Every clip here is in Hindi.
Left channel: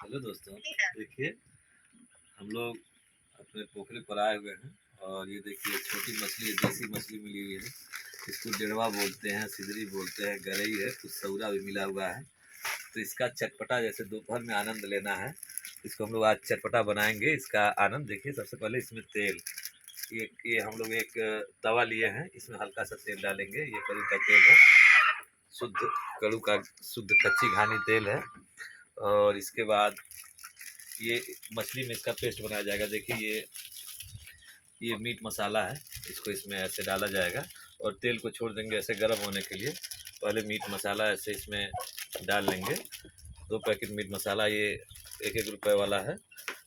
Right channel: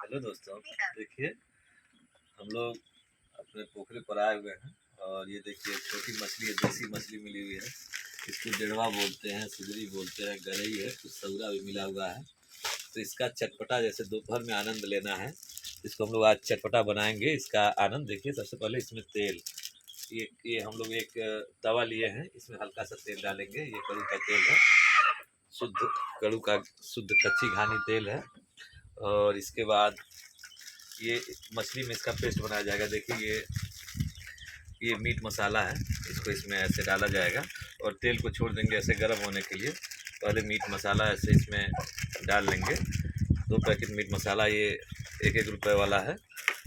हेलो दोस्तों, देखिए हम लोग अपने पोखरे पर आए हुए हैं और ये देखिए छोटी मछली है, देसी मछली मिली हुई है। इसको डेढ़वा बोलते हैं, सिदरी बोलते हैं, गरई है, कुछ सौरा भी मिला हुआ है। तो इसका चटपटा जैसे दोपहर में आनंद लेना है, इसको हम लोग आज चटपटा बनाएंगे। इसका आनंद देखिए। सबसे पहले इसमें तेल, ये हम लोग एक तवा लिए हैं, इसमें हल्का सा तेल डालेंगे। ये कड़ू का तेल है, शुद्ध कड़ू का शुद्ध कच्ची घानी तेल है। और इसके बाद ये मछली में इसका पेस्ट बनाया जाएगा। देखिए ये मीट मसाला है, इसको इसमें ऐसे डाला जाएगा और तेल को छोड़ देंगे ऐसे गर्म होने के लिए। पहले मीट मसाला ऐसे इसमें डाल लेंगे। 2 पैकेट मीट मसाला, ये 1-1 रुपये वाला है।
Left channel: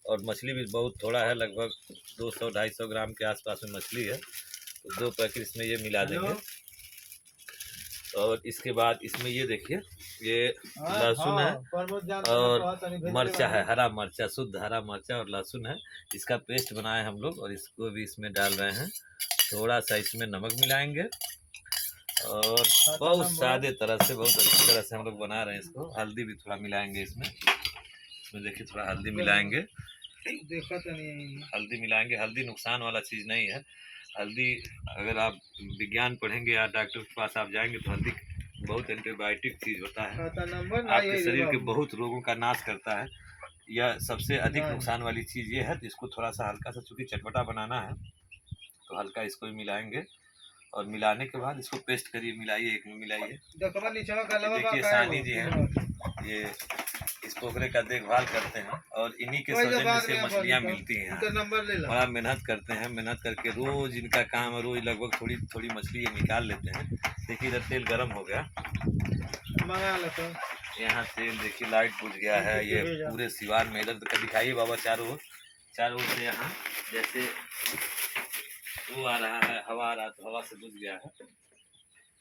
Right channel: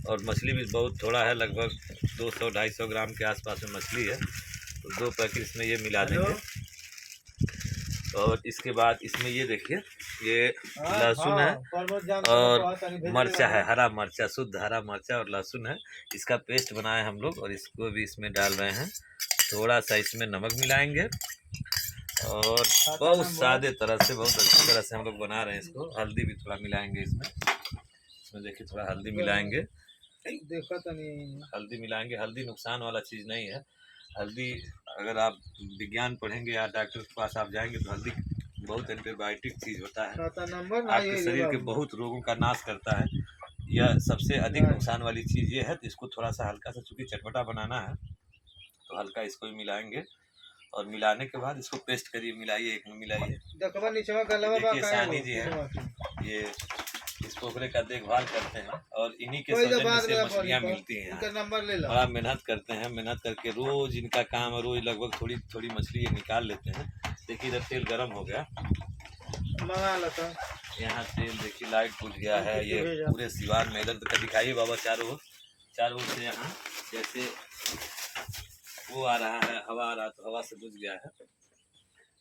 और मछली भी बहुत थोड़ा है, लगभग 200-250 ग्राम के आसपास में मछली है। तो 2 पैकेट इसमें ये मिला देंगे। और इसके बाद इसमें ये देखिए, ये लहसुन है और मर्चा है, हरा मर्चा, शुद्ध हरा मर्चा और लहसुन है। इसका पेस्ट बनाए हम लोग और इसको भी इसमें डाल रहे हैं। थोड़ा सा इसमें नमक मिलाएंगे और बहुत सादे तरह से, बहुत अच्छी तरह से हम लोग बना रहे हैं इसको। हल्दी भी थोड़ा मिलाएंगे इसमें देखिए थोड़ा हल्दी मिलाएंगे। हल्दी मिलाएंगे। हल्दी नुकसान वाला चीज़ नहीं है। हल्दी अगर आप विज्ञान पढ़ेंगे या डॉक्टर के पास आप जाएंगे तो हल्दी बहुत एंटीबायोटिक चीज़ होता है, आपके शरीर के बहुत रोगों का नाश करता है। यह सबसे अधिक नुकसान वाली चीज़ ये है। तो इसको थोड़ा सा हल्का सा, चूँकि चटपटा बनाना है तो हल्का इसको भी मिलाएंगे। और मिलाने के बाद इसको पेस्ट करिए, मिलाइए, एक में मिलाइए। देखिए सानी जी हैं, ये इस पोखरे का देखभाल करते हैं और इन्हीं के सौजन्य से मछलियाँ मिलती हैं। बड़ा मेहनत करते हैं, मेहनत करके रोज इनका काम है। रोज लगभग थोड़ी थोड़ी मछली ये निकाल लेते हैं। देखिए इधर तेल गर्म हो गया, यहाँ तेल देखिए लाइट बुझ गया है। ये पूरे सिवान में इधर तक दिखाइए बाबा, चारों ओर से यहाँ जैसे वो आ रहा है, हवा आ रहा, तो हवा से बुझ गया है।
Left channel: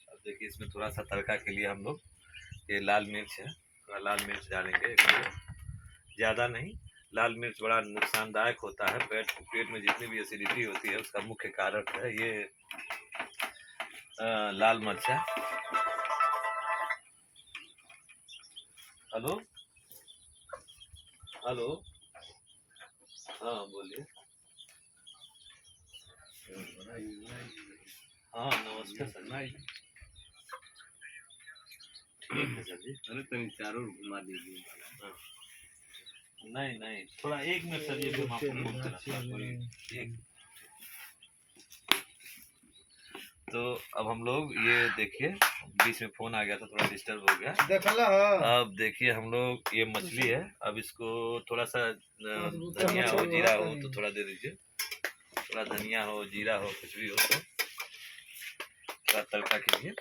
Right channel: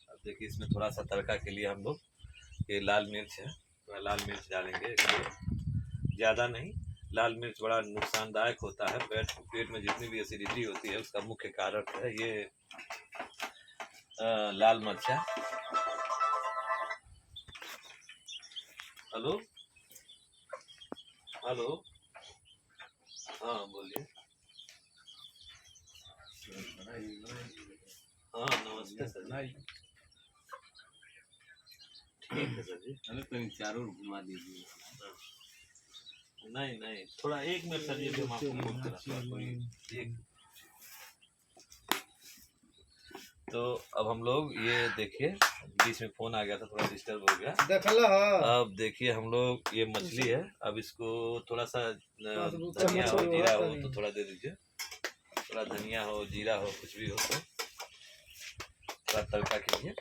अब देखिए इसमें थोड़ा सा तड़का के लिए हम लोग, ये लाल मिर्च है, थोड़ा लाल मिर्च डालेंगे, ज़्यादा नहीं। लाल मिर्च बड़ा नुकसानदायक होता है। पेट में जितनी भी एसिडिटी होती है उसका मुख्य कारक है ये लाल मिर्चा। हेलो हेलो, हाँ बोलिए। हाँ नमस्कार सर, ठीक है सर जी। अरे तो चारों घुमा दीजिए। नहीं थोड़ा 1 मिनट सर, ये जो हम आपको बोलते रहते हैं। तो अब हम लोग ये देखिए, बीच में फोन आ गया था, थोड़ा डिस्टर्ब हो गया। अब देखिए हम लोग, ये मछली है, अब इसको थोड़ा सा धनिया हो, जीरा हो तो थोड़ा दे दीजिए। थोड़ा धनिया हो, जीरा हो, कुछ भी हो तो थोड़ा तड़का कीजिए।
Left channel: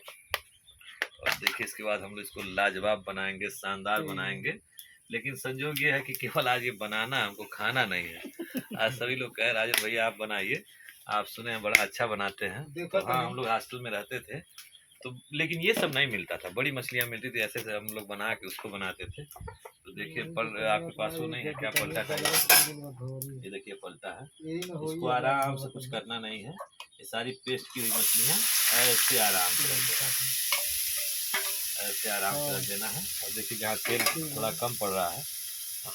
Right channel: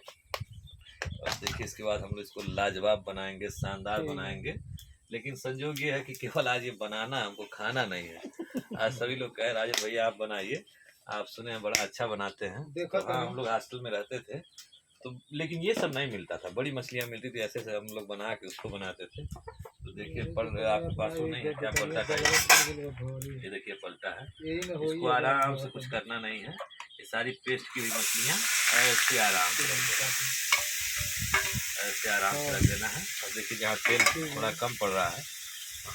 और देखिए इसके बाद हम लोग इसको लाजवाब बनाएंगे, शानदार बनाएंगे। लेकिन संजोग ये है कि केवल आज ये बनाना, हमको खाना नहीं है। आज सभी लोग कह रहे हैं भैया आप बनाइए, आप सुने हैं बड़ा अच्छा बनाते हैं। तो हाँ, हम लोग हॉस्टल में रहते थे तो, लेकिन ये सब नहीं मिलता था। बड़ी मछलियाँ मिलती थी, ऐसे से हम लोग बना के उसको बनाते थे। तो देखिए आपके पास वो नहीं है क्या, पलटा चाहिए? ये देखिए पलटा है। इसको आराम से, कुछ करना नहीं है। ये सारी पेस्ट की हुई मछलियाँ ऐसे आराम से ऐसे आराम से रख देना है। और देखिए जहाँ तेल थोड़ा कम पड़ रहा है,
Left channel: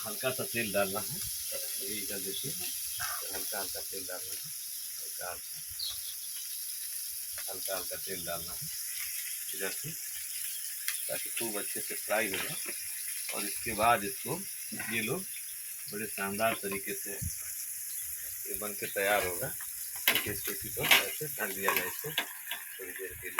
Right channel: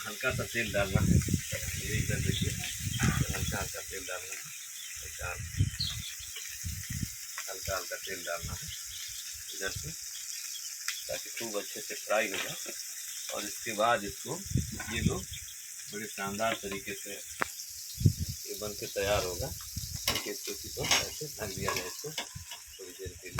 हल्का सा तेल डालना है। ये इधर देखिए हल्का हल्का तेल डालना है, हल्का हल्का तेल डालना है इधर से, ताकि खूब अच्छे से फ्राई हो जाए। और इसके बाद इसको ये लोग बड़े शानदार तरीके से ये बन के तैयार होगा। देखिए इसको इसी को ऐसे ढक दिया जाए इसको।